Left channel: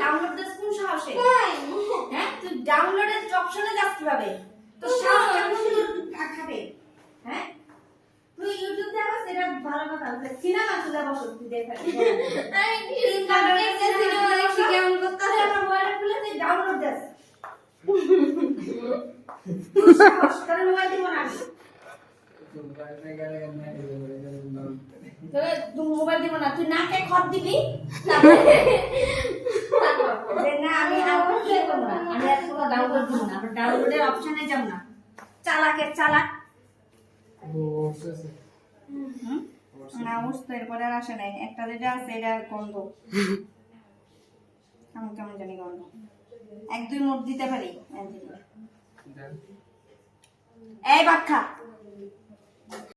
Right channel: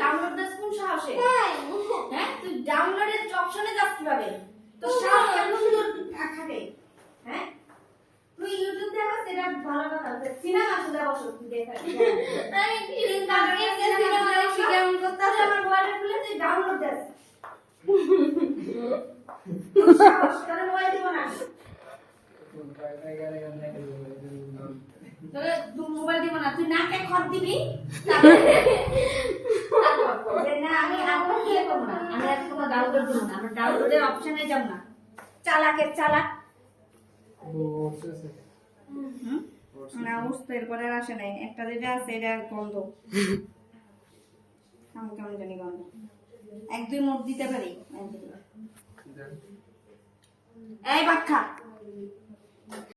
Download this কোন সাহসে? হ্যাঁ তুই ডাউনলোডের অপশনে যাস কিভাবে? তো সাহস কেন শুধু থাকে? হ্যাঁ তুই ইউটিউব তে আমার সেটা ভালো কথা সিনেমা চলে বসো তুই দেখা সিনেমা দেখি কেমন করতে আমার মোবাইলে খুলে তুই ডাউনলোড দিস সাহস করে মোবাইল দিয়ে বানাস তোরে মোবাইল দিব না তুই নাকে খত দিবি না আমি এখন কি করব না আমি আর পুরো ডাউনলোড দিব না আমরা ডাউনলোডের অপশনে যাব না চালাকের চালাক না বুঝতে এরপরে আর আসে নাই একটা যেটা আছে এটা গন্ধ আমি কেমন জানি গন্ধ এক দুই মোট দিতে পারি এই বাক্কা